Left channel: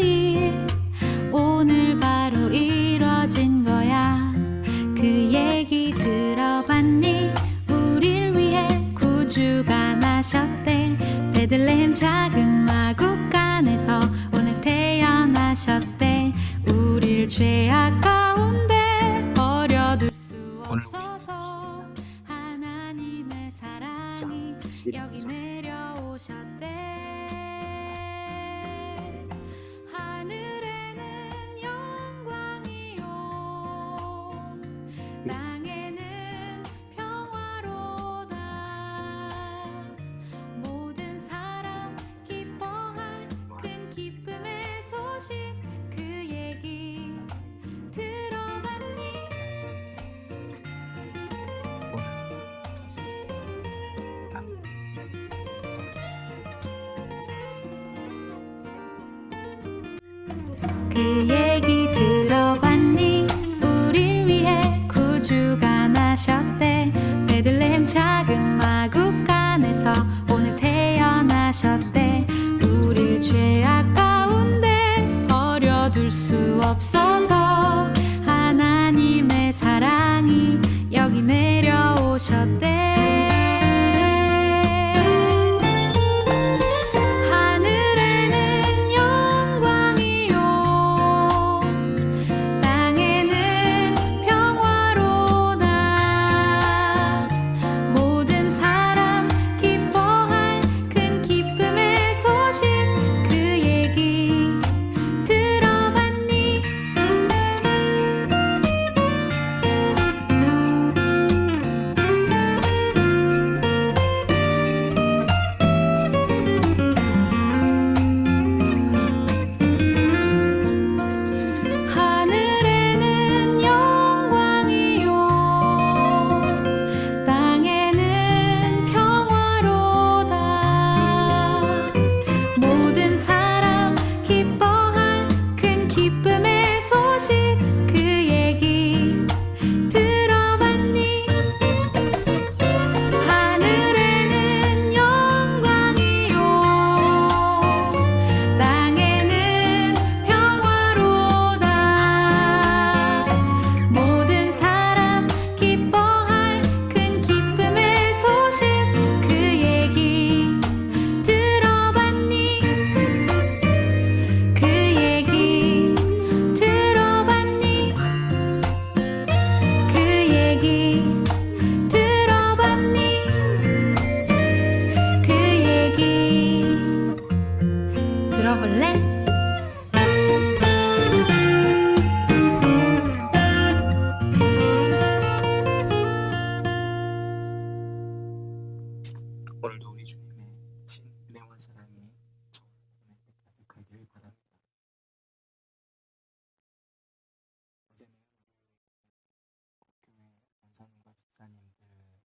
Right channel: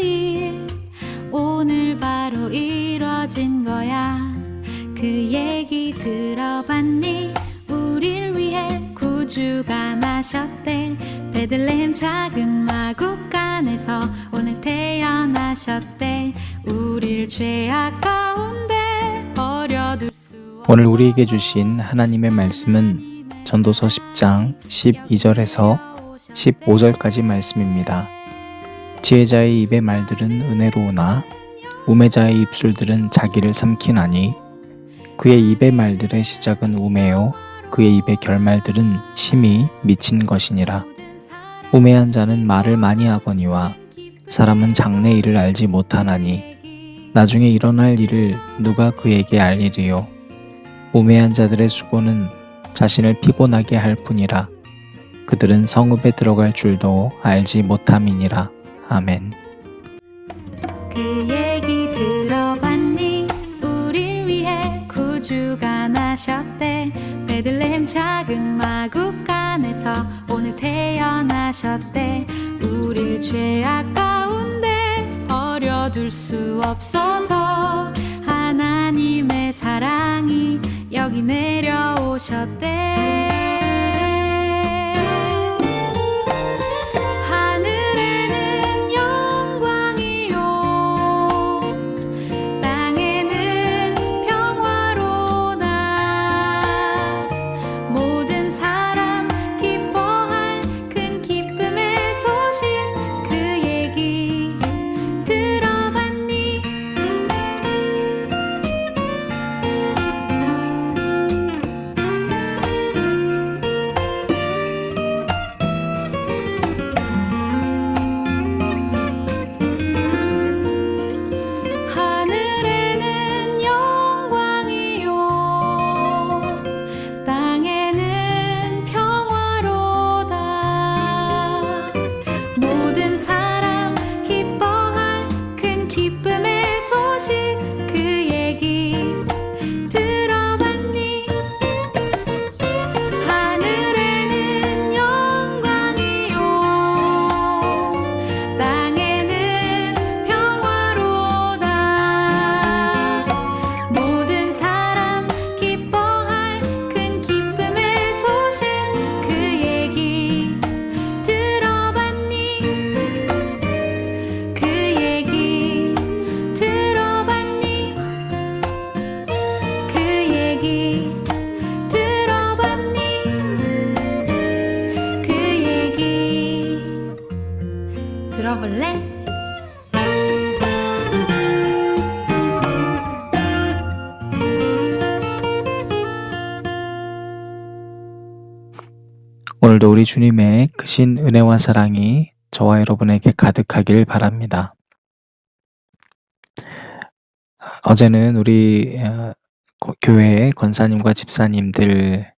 일 오늘 바로 이뤄진 거야. 그 얘기 들어봤니? 우릴 위해 구주가 나셨대. 베들레헴 작은 마국간에서 오늘 태어나셨대. 우릴 죄악 가운데 버려둘 수 없어. 오늘 우리에게 주신 하나님의 말씀은 전도서 10장 12절에서 15절까지 말씀입니다. 지혜자의 입의 말들은 은혜로우나 우매자의 입술들은 자기를 삼키나니 그의 입의 말들의 시작은 우매요 그의 입의 결말들은 심히 미친 것이니라. 우매한 자는 말을 많이 하거니와 사람은 장래 일을 알지 못하나니 나중에 일어날 일을 누가 그에게 알리리요. 우매한 자들의 수고는 자신을 피곤하게 할 뿐이라. 그들은 성읍에 들어갈 줄도 알지 못함이니라. 아멘. 그 얘기 들어봤니? 우릴 위해 구주가 나셨대. 베들레헴 작은 마국간에서 오늘 태어나셨대. 우릴 죄악 가운데 버려둘 수 없어서 하나님의 사랑이 여기 내려오셨대. 하늘에는 영광이요 땅에는 평화로다. 모든 사람 기뻐할 큰 기쁨의 소식 그 얘기 들어봤니? 하늘에는 영광이요 땅에는 평화로다. 모든 사람 기뻐할 큰 기쁨의 소식 그 얘기 들어봤니? 하늘에는 영광이요 땅에는 평화로다. 모든 사람 기뻐할 큰 기쁨의 소식 그 얘기 들어봤니? 그 얘기 들어봤니? 그 얘기 들어봤니? 그 얘기 들어볼래? 오늘도 우리 주님의 크신 은혜와 사랑이 저와 여러분에게 가득하길 바랍니다. 어제는 우리 교회의 권사님과 집사님들,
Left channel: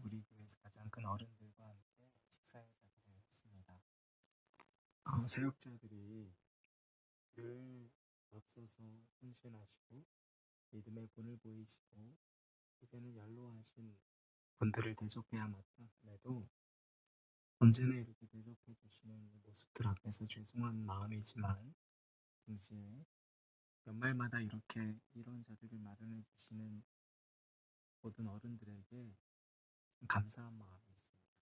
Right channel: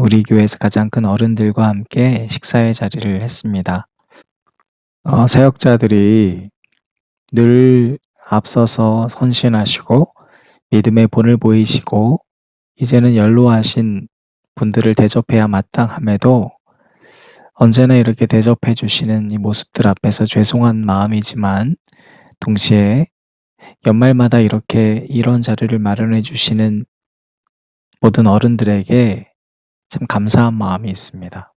우리 교회에서 가장 큰 어른들과 함께 식사의 자리를 했습니다. 사역자들이 늘 앞서서 선신하시고 믿음의 본을 보이시고 이제는 연로하신 분들을 대접해야 마땅함에도 언제나 이렇게 대접해 주시는 이 모습들 앞에서 죄송한 마음이지만 동시에 연말마다 이렇게 이런 자리를 마련해 주시는 모든 어른들에게 참 감사한 마음이 있습니다.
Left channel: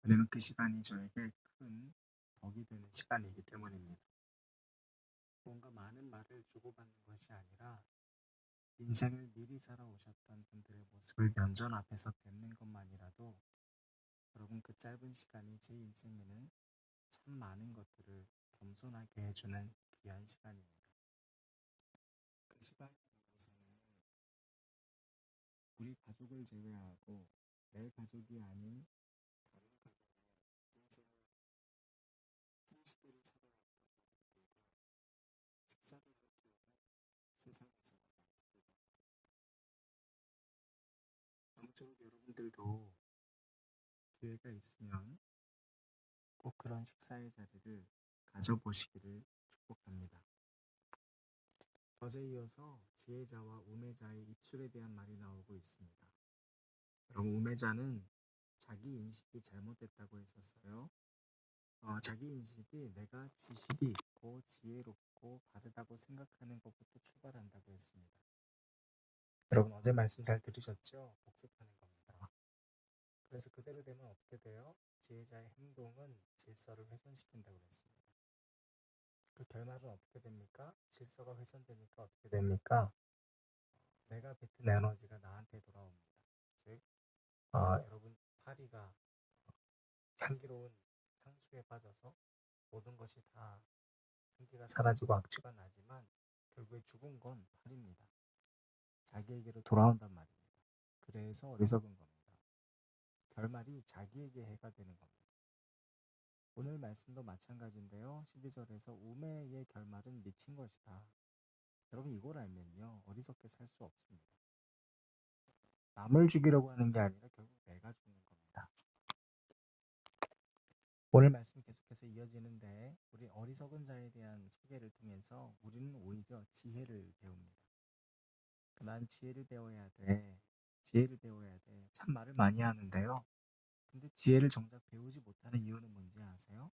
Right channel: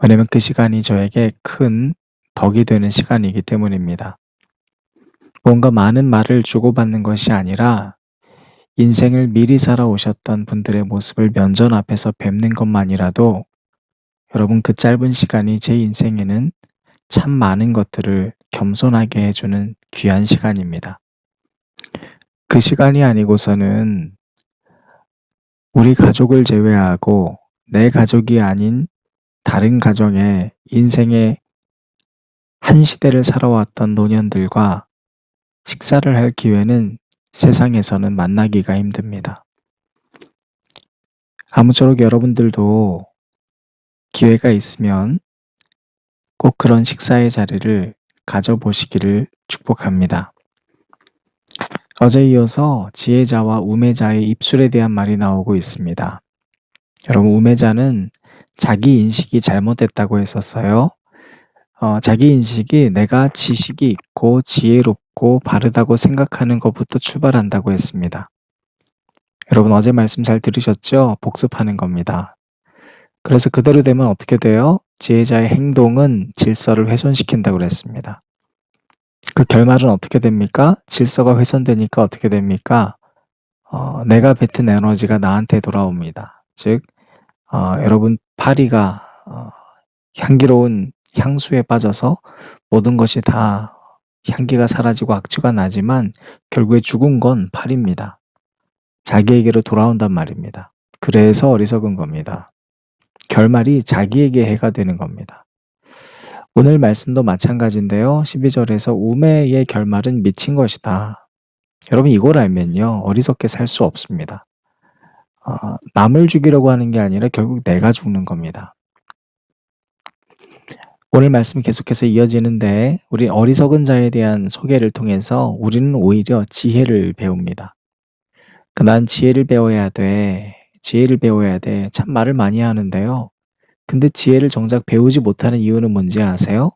왜냐하면 그 시간이 저에게 큰 덕이 되는 시간이기 때문입니다. 뭔가 많은 말을 주고받는 것이 아니라 인생을 미리 살아오셨던 분들의 모습을 면전 앞에서 뵙는 것만이라도 여러분 그 짧은 시간이 제 인생에는 참 많은 것들을 겸손하게 해주는 귀한 시간입니다. 그 시간이 아니고서는 우리 가족을 제외하고 내 가족이 아닌 다른 가정의 인생의 한 시대를 살아왔던 노년들과 식사를 할 기회는 세상에서는 만나기가 힘듭니다. 아무쪼록 여러분들도 기회가 있으면 꼭 그런 식사의 자리를 가져보시기를 축복합니다. 어제 이어서 지혜자와 우매자의 입술에 대한 말이 나오고 있습니다. 여러분, 우매자는 자기 인식이 잘못됐다고 했었어요. 자기 인식이 내가 지식이 있고 지혜롭고 바르다고 생각하는 것부터 출발한다고 했습니다. 여러분 어제 말씀 잘 들으셨죠? 복습하는 겁니다. 그래서 그대로 되면 어떻게 돼요? 지혜자의 행동은 질서를 훼손시킨다고 그랬습니다. 그 결말은 어떻게 됩니까? 질서가 훼손되니까 어떻게 됩니까? 내가 뱉은 에너지가 나한테 돌아옵니다. 즉, 여러분 파리가 향기로운 향수에 빠져서 모든 것이 다 향기가 사라지고 악취가 나지만 결국에 죽은 건 파리입니다. 자기에게로 돌아온단 말입니다. 그래서 어리석은 겁니다. 결말이 자기에게 해가 되는 겁니다. 오늘 말씀도 마찬가지인데요. 12절에서 우매의 결말은 미친 것이다. 여러분 이걸 알면요. 어리석게 살 수 없습니다. 남을 죽이려고 하는 게 아니라 결국 내가 죽는 겁니다. 오늘 말씀 계속해서 이어지는데 우리 어리석은 자에 대한 소개를 통해서 우리는 오히려 지혜를 배웁니다. 난 지혜를 배워야 돼. 지혜를 배워야 돼. 참 말을 많이 하는데요. 근데 지혜를 정작 배우지 못하는 이유는 뭔지 아세요?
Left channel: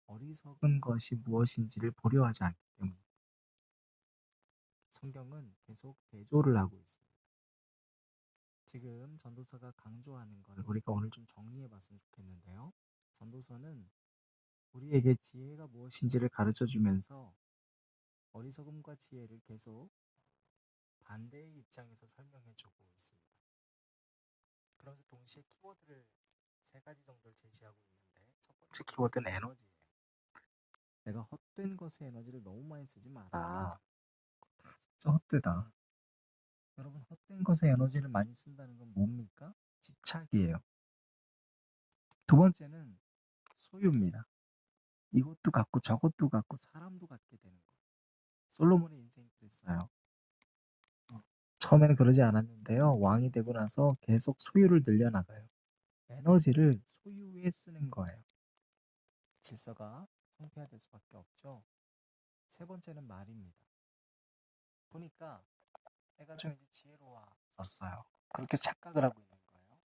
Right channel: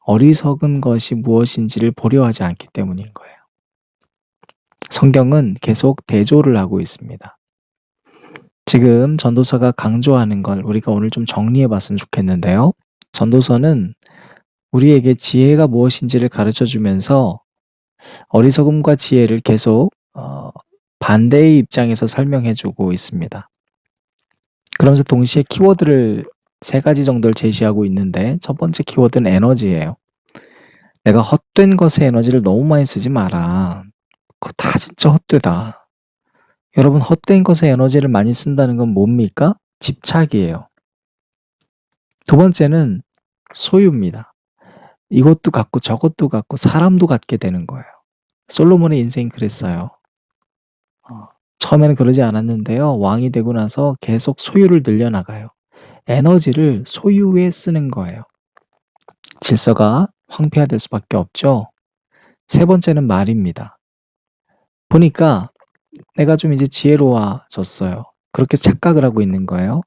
어리석은 것이 무엇인지를 보려 하지 않기 때문인 거예요. 성경은 계속 대조를 하고 있습니다. 지금 전도서가 강조하는 걸 우리가 오늘 좀 정리해 봤으면 좋겠는데요. 전도서는 우리에게 지혜가 무엇인지를 가르쳐 주면서 어리석음과 지혜를 계속 반대의 입장에서 설명해 주고 있습니다. 그러면서 동시에 키워드를 3가지 정도를 제시하고 있는데 첫 번째 키워드는 에너지예요. 내가 헛된 것에 에너지를 너무 많이 쓰지 마라. 그거 다 진짜 헛되다. 여러분 헛된 것에 에너지를 많이 쓴다는 건 뭡니까? 집착이에요. 두 번째는 소유입니다. 이것도 갖고 저것도 갖고 사람도 갖게 되는 거예요. 솔로몬의 인생이 그랬어요. 처음에는 그러지 않았는데요. 왕이 되고 나서 계속 소유를 늘려나가요. 에너지를 소유에 쓰는 거예요. 질서가 황폐화될 수밖에 없죠. 세 번째는 말입니다. 보니까 내가 좀 이제 지혜로워졌어요. 그렇게 착각을 하고 있는 거예요.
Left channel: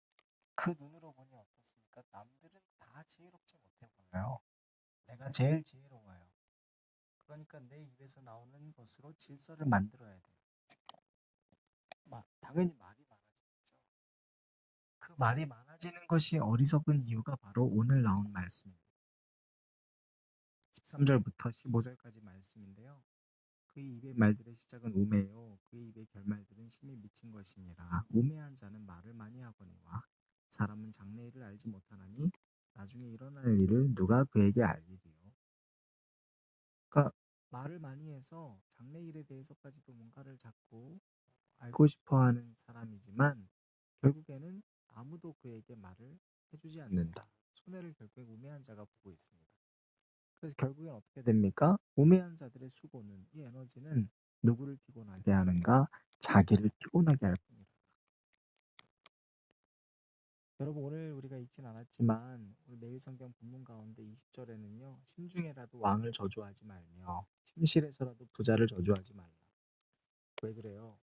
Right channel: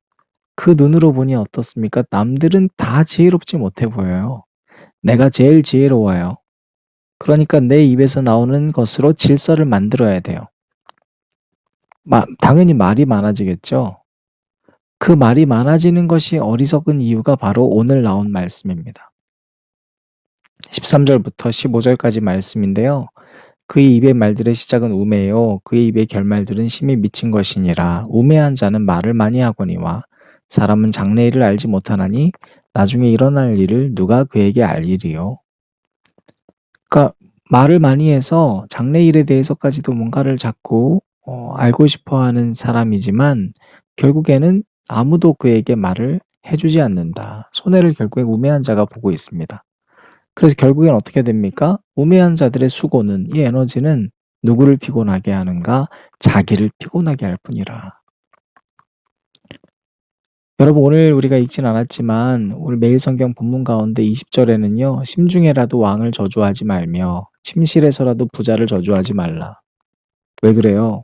그 눈으로 보니 어떻습니까? 남들은 다 지혜롭지 못해 보여요. 내가 제일 지혜로워요. 그러니까 내 입에서 나오는 것으로 질서를 만들어야 돼요. 당연히 말이 많아지겠죠. 그 말이 많아지는 것이 어리석은 이유가 바로 오늘 나온 말씀입니다. 13절부터 15절까지 말씀인데요. 그의 입의 말들의 시작은 우매요. 그의 입의 결말들은 심히 미친 것이니라. 우매한 자는 말을 많이 하거니와 사람은 장래일을 알지 못하나니 나중에 일어날 일을 누가 그에게 알리리요. 그러니까 말을 많이 해서 장래일에 대해서까지도 뭔가를 자꾸 알고 싶어하는 사람이지만 결국에는 아무도 그에게 말을 해주지 않는다. 손해를 결국에 우매한 자가 보고 있습니다. 그래서 결국엔 어떻게 됩니까? 우매한 자들의 수고는 이 에너지는 누구를 피곤하게 하는가? 자기를 피곤하게 할 뿐이라. 여러분 오늘 우리가 읽진 않았지만 오늘 매일 성경 본문 가운데 20절에는요. 심중에라도 왕을 저주하지 말며 침실에서라도 부자를 저주하지 말라. 왜 그래요?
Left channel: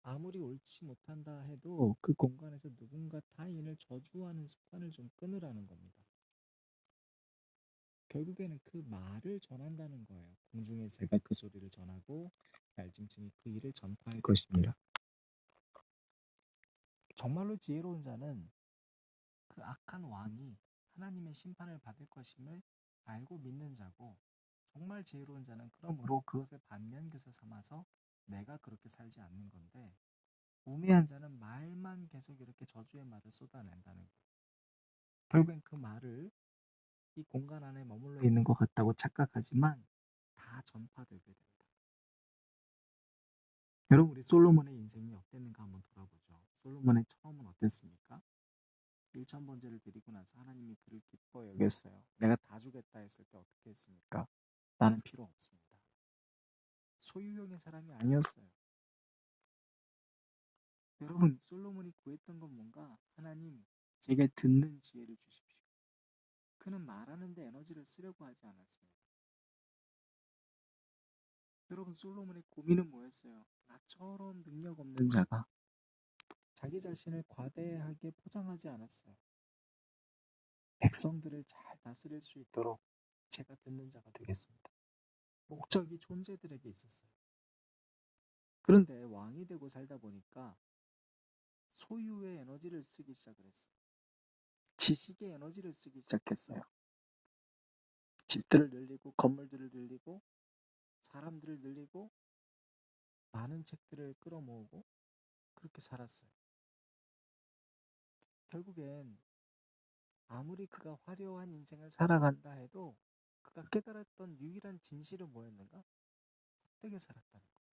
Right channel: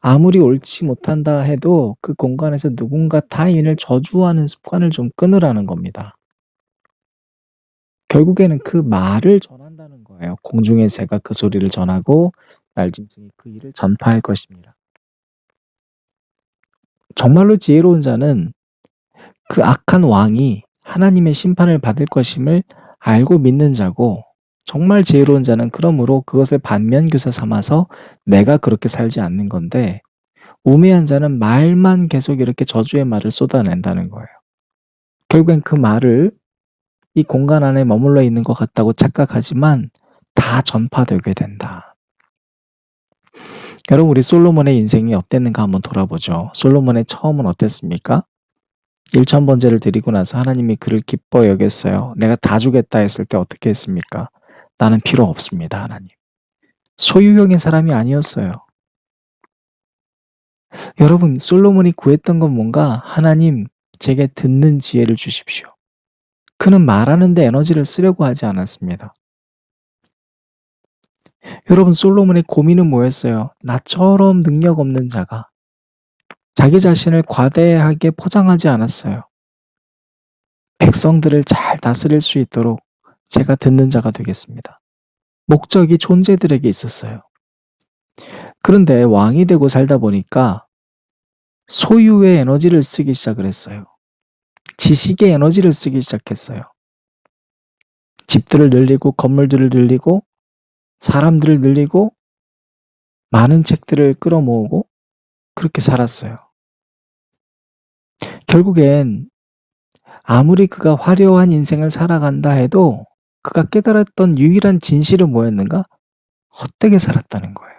아무리 옳지 못한다 해도 그 공간에서 누군가 타인을 저주하는 습관을 좀 끊으라는 겁니다. 결국에는 그 말을 전한다는 거예요. 공중의 새가 그 소리를 전하고 날짐승이 그 일을 전파할 것입니다. 정말로 지혜로운 자는 그 악한 왕이 하나님의 심판을 받을 것임을 알고 믿는 자고 정말 지혜로운 자는 그러므로 그것을 반면교사 삼아서 내가 그렇게 살지 않는 건데 우매한 자는 말만 계속 이렇게 저주의 말을 쏟아낸다는 거예요. 결국엔 그 말을 이 공간 안에 머물러 있는 것 같다고 착각하지만 다 전파되게 된다. 여러분 우리 솔로몬의 인생이 어땠는가 한번 돌아보죠. 솔로몬의 처음은 어땠습니까? 1000번제를 드리고 나서 하나님이 그를 기뻐 여겼어요. 내가 다 주겠다 했을 때 어떻게 했습니까? 나는 필요 없습니다, 하나님. 소유형의 사람이 아니었어요. 여러분 솔로몬이 구했던 건 뭔가 하나님 제게 듣는 지혜를 주십시오. 그는 말하는 데 에너지를 쓰려고 하지 않았습니다. 여러분 솔로몬의 고민은 뭐였어요? 나처럼 능력 없는 자가 자기 자신을 과대하게 포장하지 않았어요. 백성들을 잘 다스릴 수 있도록 제가 듣는 자가 되겠습니다. 목적이 존재들에게 있었어요. 그런데 왕이 되고 살다 보니까 소유의 에너지를 쓰기 시작을 했어요. 지식의 에너지를 쓰기 시작했어요. 집들을 늘리고 건물들을 늘리고 사람들을 늘리고 많은 책들을 끌어모으고 그렇게 살았어요. 결국엔 아무리 그가 화려한 인생을 살아간다 해도 그가 깨달았던 유일한 진실은 뭐였는가? 헛되게 살았다는 거예요.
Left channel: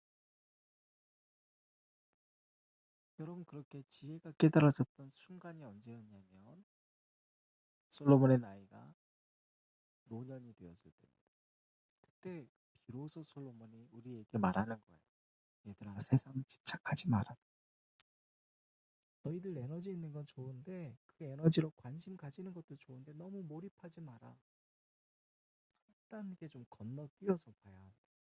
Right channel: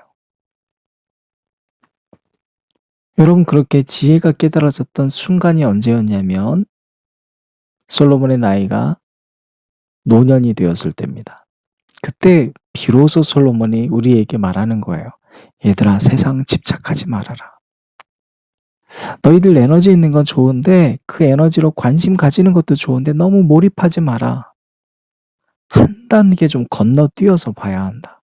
여러분, 그렇게 지혜가 깨달아졌던 순간이 언제였냐면 솔로몬의 나이가 노년이 되었을 때입니다. 그때 비로소 솔로몬이 우리에게 말하는 거예요. 얘들아, 세상 집착하지 말아라. 너희들 에너지 있는 건 좋은데 그 에너지로 관심 가지는 것도 좋은데 너무 몰입하지 마라. 한 단계 좀 건너뛰어서 봐야 한다.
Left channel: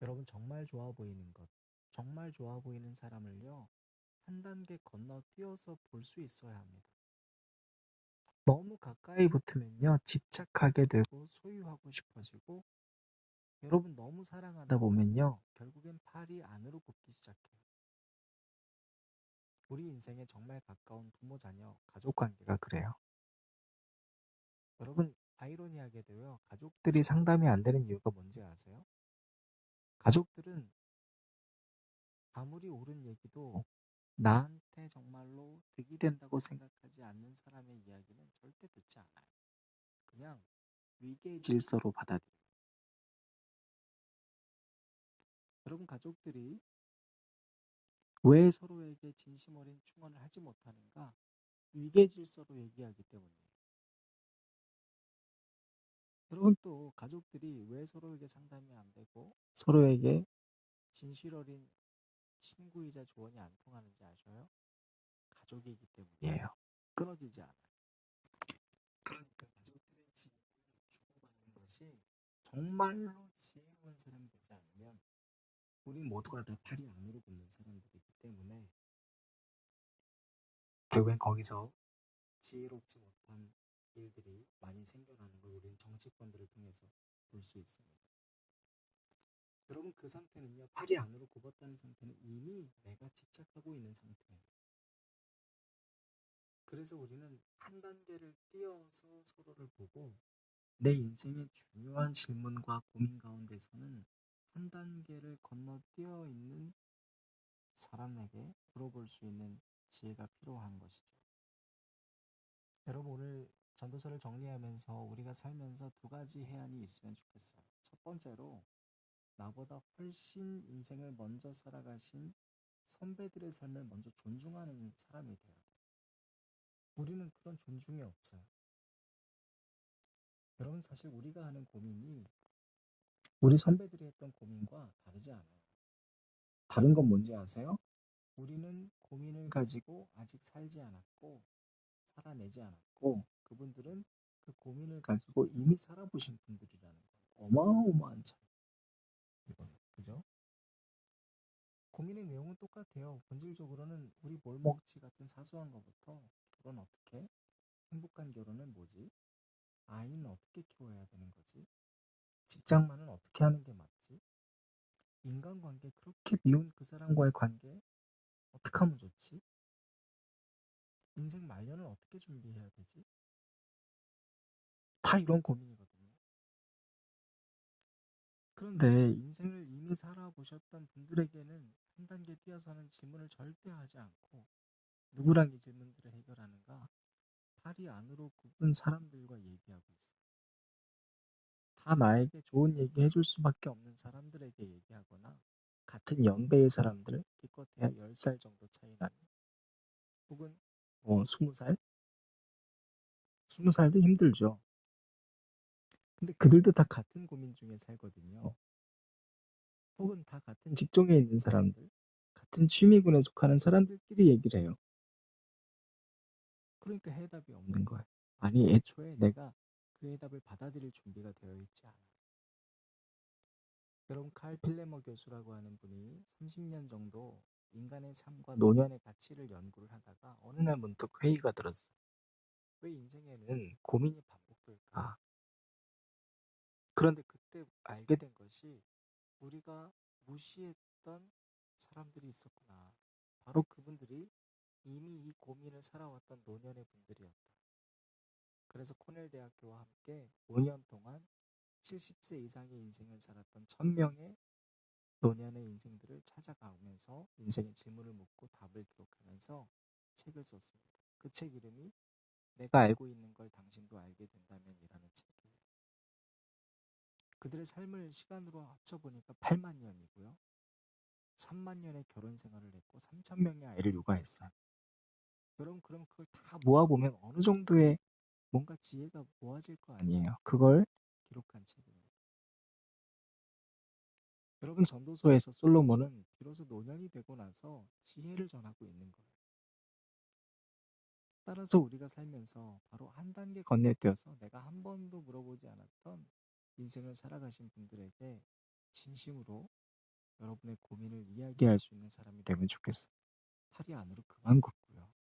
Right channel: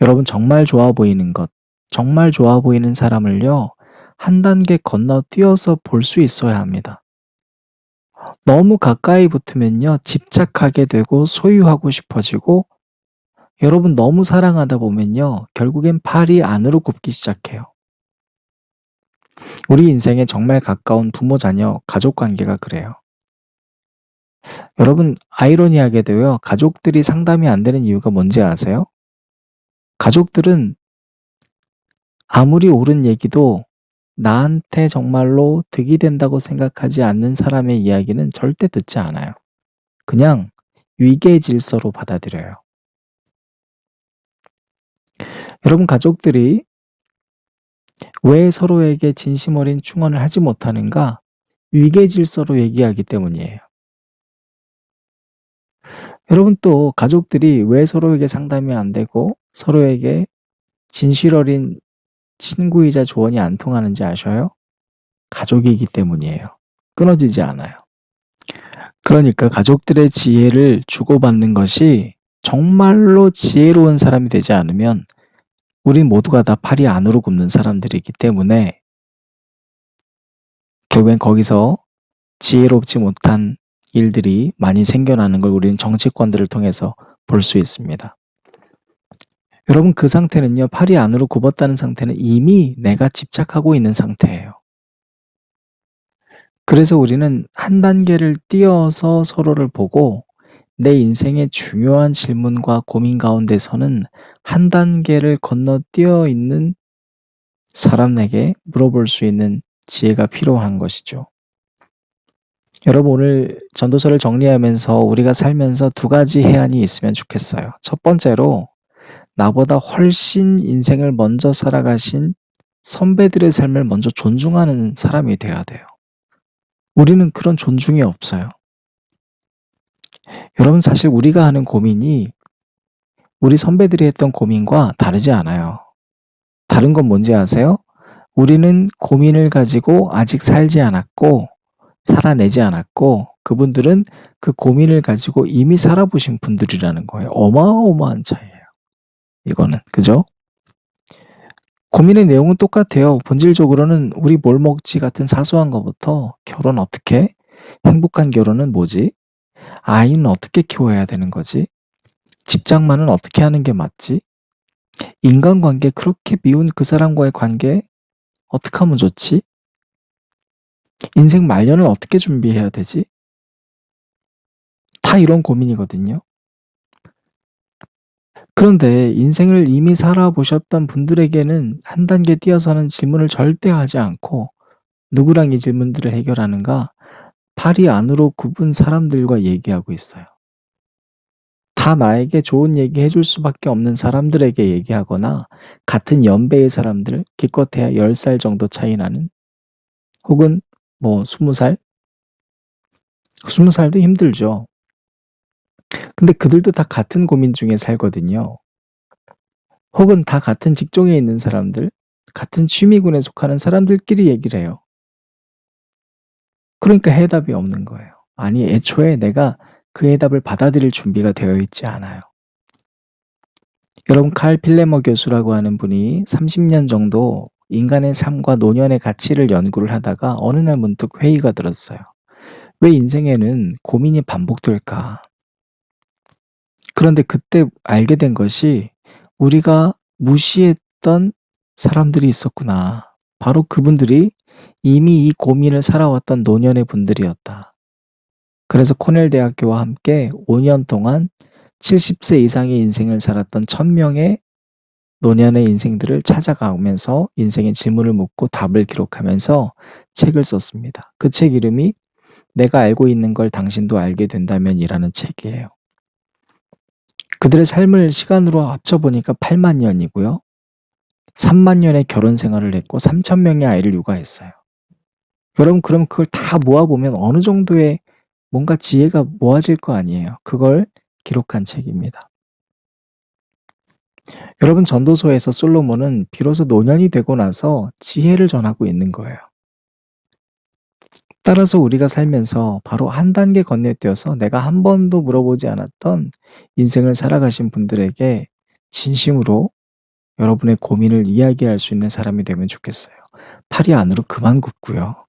여러분, 정말 좋아 보이는 것, 정말 좋아 보이는 사람을요, 한 단계 건너뛰어서 볼 수 있어야 합니다. 너무 가까이 붙으면요, 집착하게 되고 소유하고 싶어지고, 여러분 너무 사랑하다 보면요, 결국엔 팔이 안으로 굽기 시작해요. 우리 인생에 정말 가까운 부모, 자녀, 가족 관계가 그래요. 여러분, 아이러니하게도요, 가족들이 상담이 안 되는 이유가 뭔지 아세요? 가족들은 아무리 옳은 얘기도 나한테 정말로 득이 된다고 생각하지 않는 사람의 이야기는 절대 듣지 않아요. 그냥 위계 질서로 받아들여요. 여러분, 가족들이 왜 서로에게 진심 어린 충언을 하지 못하는가? 위계 질서로 얘기하기 때문이에요. 여러분, 또 가족들이 왜 서로에게 상담이 안 되고 서로에게 진실 어린 친구이자 조언이 안 통하는지 아셔요? 가족이기 때문이에요. 끊어지지 않아요. 그러니까 가족들의 지혜를 주고받는 것이 정말로 지혜로운 사람이 되지 않으면 우린 모두가 다 팔이 안으로 굽는 사람들이기 때문에 결국엔 거기서 지혜롭지 못한 일들이 많이 생겨나는 걸 우리는 정치권들을 통해서 볼 수 있습니다. 여러분, 그 상태는요, 팔이 안으로 굽었다는 상태는 이미 내가 집착하고 있는 상태예요. 그래서 우리는 한 단계를 뛰어서 서로를 보고 내 인생의 중요한 질문과 고민 가운데서는 한 단계를 건너뛰어 있는 사람에게 물어볼 수 있는 지혜가 필요한 것이죠. 여러분, 오늘 전도서를 정리하면서 우리가 살면서 두 가지 해안이 있으면 좋겠어요. 첫 번째로 나보다 훨씬 인생을 먼저 살아가신 선배들의 삶을 먼저 존중하는 사람이 돼야 돼요. 우리는 그런 존중이 없어요. 여러분, 사실 우리가 하는 고민이 우리 선배들이 했던 고민과 다르지 않아요. 다른 건 뭔지 아세요? 우리는 고민을 가지고 아직 살지 않았고 살아내지 않았고 그분들은 그 고민을 가지고 이미 살아보신 분들이라는 거예요. 어마어마한 차이예요. 이거는. 그죠? 고민의 내용은 똑같아요. 본질적으로는 우리 뭘 먹지 같은 사소한 것부터 결혼 어떻게? 행복한 결혼은 뭐지? 아이는 어떻게 키워야 되는 거지? 직장만은 어떻게 하는 게 맞지? 인간관계, 그렇게 미운 그 사람과의 관계 어떻게 하면 좋지? 인생 말년을 어떻게 준비해야 되지? 다 이런 고민이거든요. 그런데 인생을 이미 살아보셨던 분들에게는 한 단계 뛰어서는 질문을 절대 하지 않고 누구랑 이 질문들을 해결하는가? 팔이 안으로 굽은 사람들과 얘기하고 있어요. 다 나에게 좋은 얘기 해줄 수밖에 없는 사람들에게 얘기하거나 같은 연배의 사람들, 기껏해야 10살 정도 차이 나는, 혹은 뭐 20살? 20살도 힘들죠. 근데 그들도 다 같은 고민 중에 살거든요. 혹은 다 같은 직종에 있는 사람들, 같은 취미군에 속하는 사람들끼리 얘기를 해요. 그러니까 해답이 없는 거예요. 아니, 애초에 내가 그 해답을 받아들일 준비가 되어 있지 않아요. 여러분, 칼 필레머 교수라고 하는 분이 30년 정도 인간의 삶과 노년의 가치를 연구를 하다가 어느 날 문득 회의가 들었어요. 왜 인생에는 고민이 반복될까? 그런데 그때 알게 된 것이 '우리가 무시했던 사람들이 있었구나. 바로 그분들이 이미 이 고민을 살아왔던 노년의 분들이었다.' 그래서 코넬 대학교와 함께 5년 동안 70세 이상의 인생을 살았던 1,000 명의 노년의 인생들을 찾아가면서 인생의 질문을 묻고 답을 기록하면서 책을 썼습니다. 그 책 이름이 '내가 알고 있는 걸 당신도 알게 된다면.'이라는 책이에요. 그들의 삶을 시간으로 합쳐 보니까 8만 년이고요. 3만 년의 결혼 생활을 했고 3천 명의 아이를 육아했어요. 여러분 그럼 그걸 다 모아 보면 어느 정도의 뭔가 지혜가 모아질 거 아니에요. 그걸 기록한 책입니다. 여러분 전도서에서 솔로몬은 비로소 노년이 되고 나서 지혜를 전하고 있는 거예요. 따라서 우리가 살면서 바로 한 단계 건너뛰어서 내가 한 번도 물어보지 않았던 인생을 살아가신 분들에게 진심으로 여러분의 고민을 이야기할 수 있는 사람이 되면 좋겠어요. 팔이 안으로 그만 굽고요.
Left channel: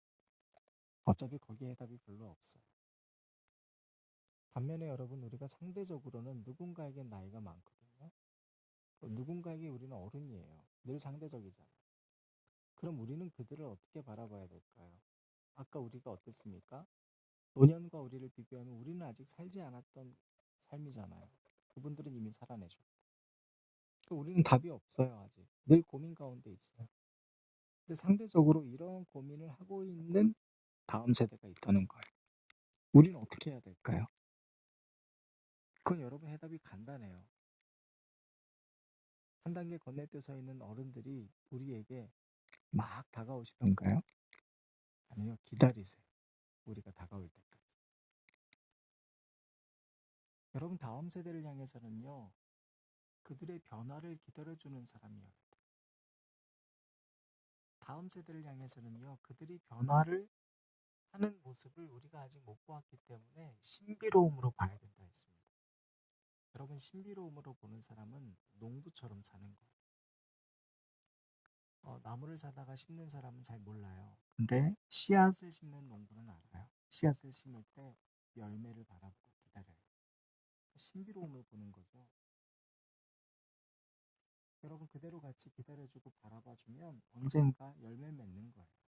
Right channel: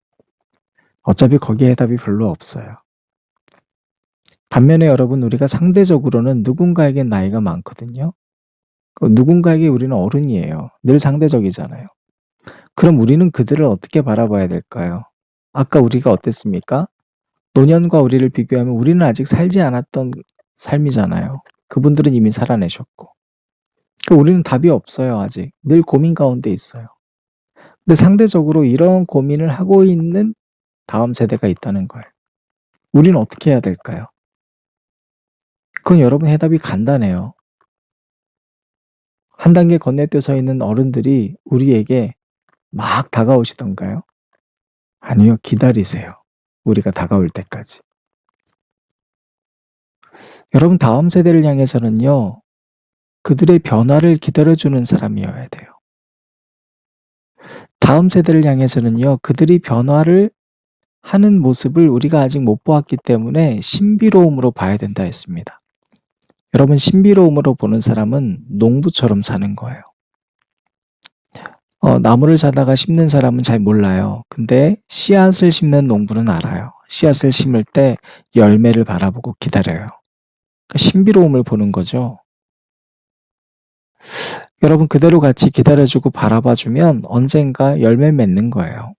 어차피 거기에 해답이 별로 없어요. 반면에 여러분 우리가 상대적으로는 누군가에겐 나이가 많거든요. 그 누군가에게 우리는 어른이에요. 늘 상대적이잖아요. 그럼 우리는 그들을 어떻게 바라봐야 될까요? 아까 우리가 어땠습니까? 노년과 우리를 비교하면 우리는 아직 살지 않았던 삶이잖아요. 그분들은 이미 살아내셨고. 우리는 답이 없어요, 아직. 늘 고민 가운데 있어요. 근데 상대적으로 이런 고민을 하고 있는 다음 세대가 있다는 거예요. 우리는 어떻게 해야 될까요? 그건 여러분 해답이 간단해요. 한 단계 건너뛰어 서 있는 어른들이 우리에게 막 다가오시던가요? 아니요, 기다리세요. 우리가 다가올 때까지. 여러분 다음 세대를 향해서는요. 그들의 변화를 기다려주는 사람이어야 돼요. 다음 세대를 향해서는요. 그들이 변화를 하는 모습을 우리가 아직 못 보았기 때문에 신비로움으로 봐야 된다 했습니다. 여러분 신비로움으로 보는 사람은 농부처럼 사는 거예요. 나무를 사다가 심는 사람은 잘 몰라요. 근데 씨앗을 심는 농부는 알아요. 씨앗을 심을 때 열매를 바라보고 기다려요. 그러니까 신비로움을 보는 거죠. 여러분 그대로 같이 기다려주고 바라봐주면 언젠가 열매 맺는 거예요.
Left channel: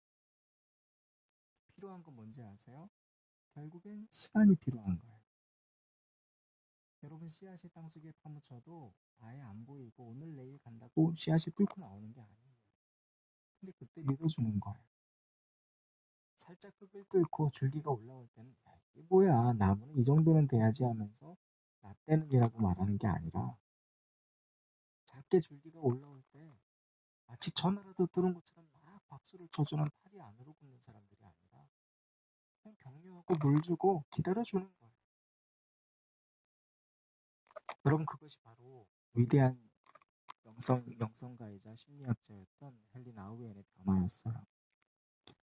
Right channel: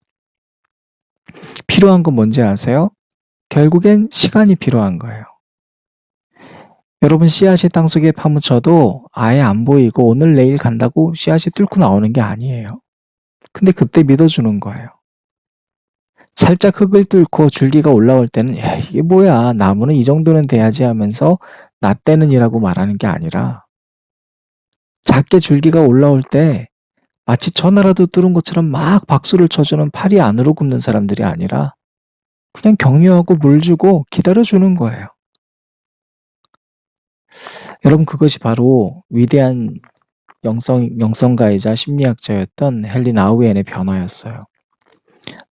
필요한 건 뭔지 아세요? 결국엔 시간이 필요한 거예요. 여러분 씨앗이 땅속에 파묻혀도 아예 안 보이고 오늘 내일 간다고 씨앗이 뚫고 나오는 게 아니에요. 근데 그때 믿어주는 거예요. 살짝 흙을 뚫고 줄기가 올라올 때는 "야 이게 뭐야. 나무는 이 정도는 돼야지." 하면서 "나 때는이라고 말하는 게 아니라 작게 줄기가 올라올 때 마치 천하라도 뚫은 것처럼 막 박수를 쳐주는 팔이 안으로 굽는 사람들이 아니라 그냥 격려하고 물 주고 기다려 주는 거예요. 여러분 그것이 바로 위대한 영성가이자 심리학자였던 헨리 나우엔의 변화였어요.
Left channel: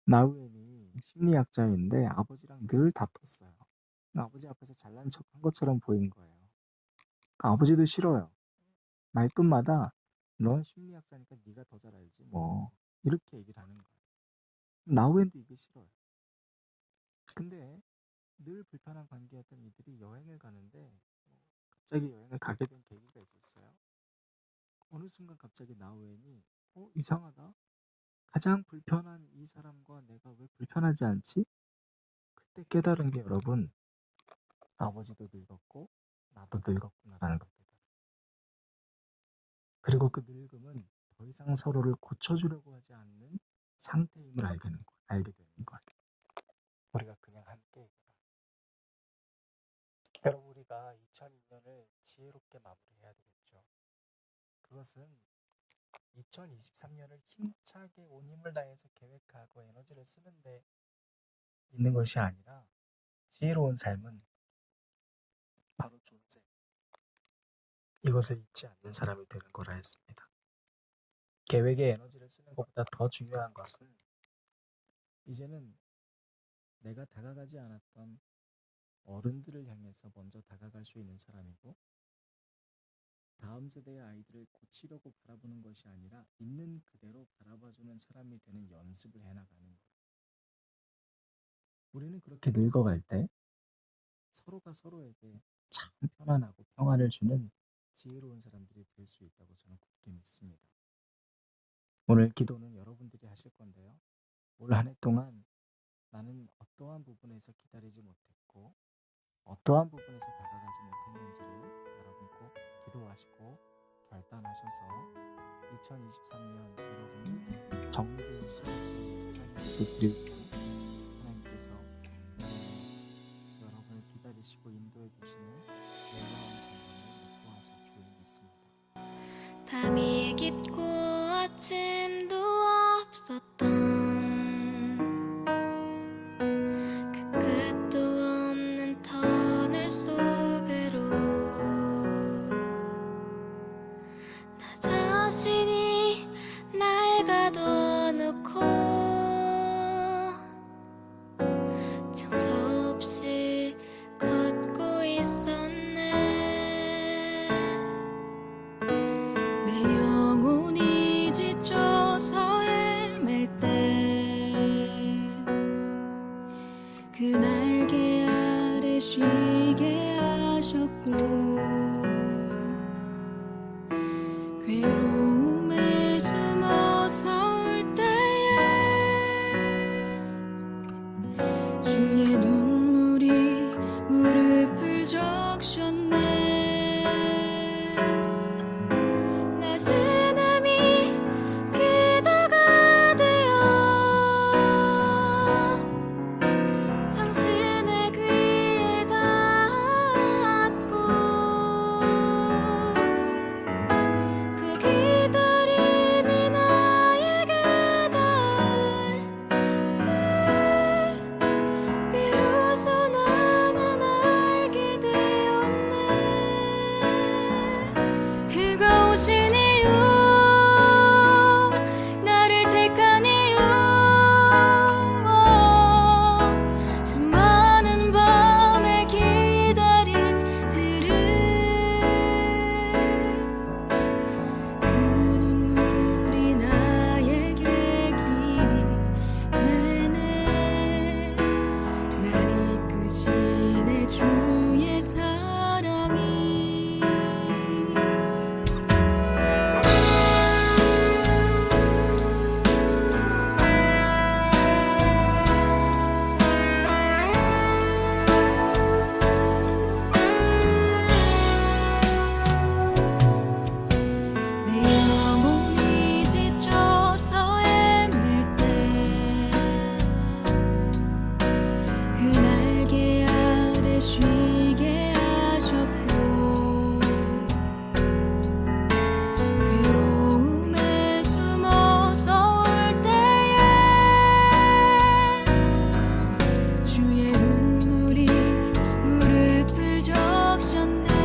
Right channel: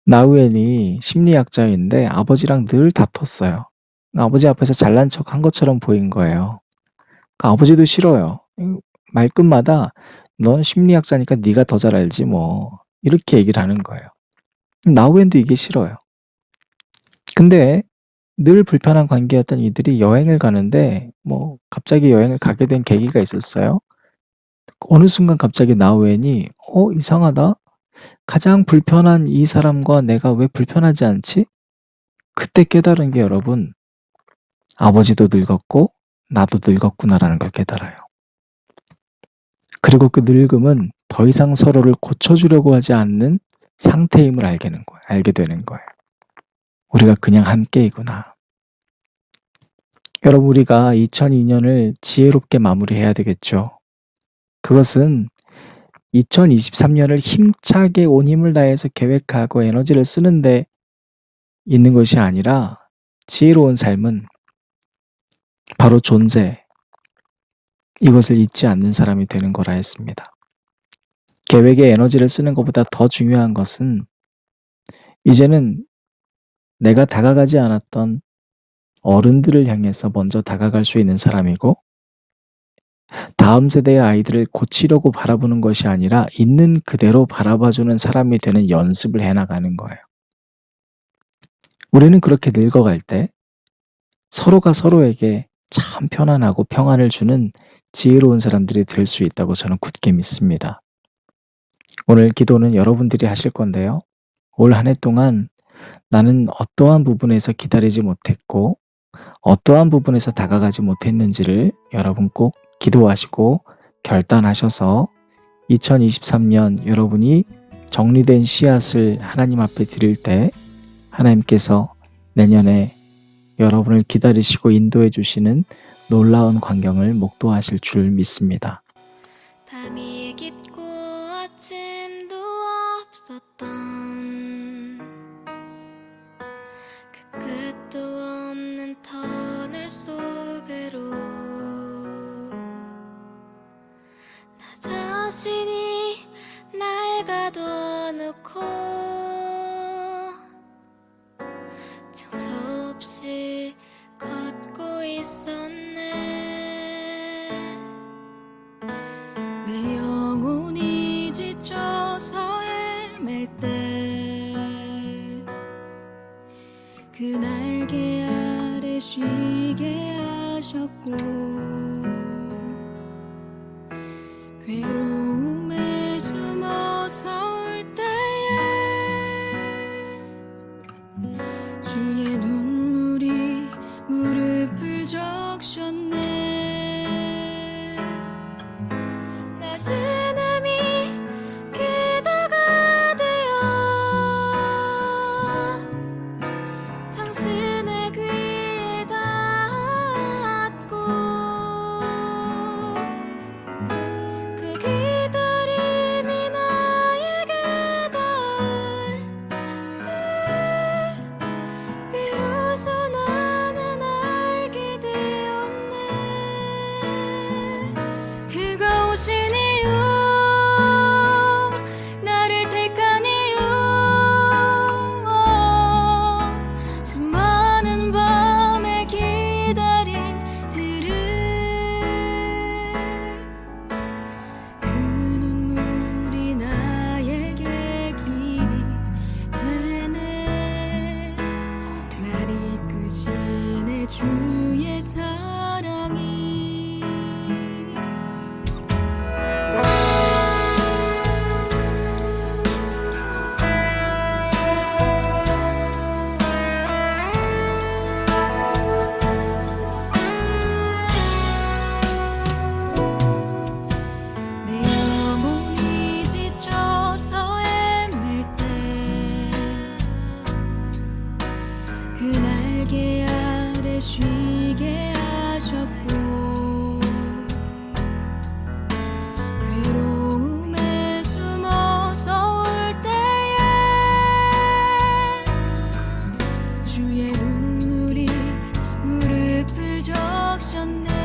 나우엔이 심리학자인데 아버지랑 늘 다퉜어요. 아버지 앞에서 잘난 척한 것처럼 보인 거예요. 아버지도 싫어요. 말끝마다 "넌 심리학자니까 네가 더 잘 알지 뭐." 이렇게 얘기를 하는 거예요. 나우엔도 이게 싫어요. 근데 늘 불편한 관계였던 이들이 여행을 가는데 갑자기 여행을 가게 된 계기가 있었어요. 어느 순간 갑자기 나우엔이 '이상하다. 가장 불편한 이 사람과 내가 왜 불편하지 않지?' 그때 깨달은 게 여러분 '아버지도 늙었고 나도 늙었구나.'라는 걸 깨달아요. 그리고 그 늙음은 더 이상 서로를 고쳐주려고 하지 않는 상태임을 알게 되는 거예요. 우리가 그냥 함께이구나. 여러분 우리가 2002년을 지혜롭게 마무리해야 되겠죠. 그것은 2023년을 힘차게 온 힘을 다해서 계획하고 에너지를 쓰는데 있는 것이 아니라 지혜로운 삶은 바로 존재, 이것을 잊지 않는 사람이 되는 거라 했습니다. 계획에 에너지를 쓰는 것보다 더 중요한 것은 이제는 내가 다가가지 않았던 어른들을 향해서 먼저 다가갈 수 있는 사람이고 다음 세대의 아이들을 고치려고 바라보는 것이 아니라 있는 그대로 바라봐주는 사람이 되는 연습을 해나가는 거예요. 우리는 그렇게 늙어갈 때 서로가 서로에게 참 편안하고 평안을 주는 지혜로운 사람들이 될 수 있다고 저는 굳게 믿습니다. 오늘 기도는 여러분들이 하실 건데요. 올 한 해 동안 나는 어떠한 부분에서 기다리지 못했고 어떠한 부분에서 다가가지 못했는지를 여러분 꼭 기도하시고 결단하셔서 2023년 여러분이 정리된 씨앗을 하나님 앞에 드릴 때 하나님께서 내년에 여러분을 기다리시고 인도해 주시는 놀라운 광경을 목도하실 줄 믿습니다. 밤이 깊고 아침도 없었던 그 끝도 없는 터널 속으로 나 자신이 날 가둬놓고 정처 없이 걷고 있었네. 내 영혼이 지쳐서 헤맬 때 그 날개 아래 쉬게 하셨고 괴로움에 숨어서 울 때에 주의 눈물이 무릎을 적셨네. 내 신음이 기도가 되어 당신의 귀에 닿았고 그 기다림이 나에게 닿을 때 비로소 나는 알게 되었네. 그가 오신 이유, 나를 택한 이유, 수많은 밤의 기다림들을 그 눈물이 나에게 길이 되네. 날 이끄시네 주의 사랑이. 내 영혼이 지쳐서 헤맬 때 그 날개 아래 쉬게 하셨고 괴로움에 숨어서 울 때에 주의 눈물이 무릎을 적셨네.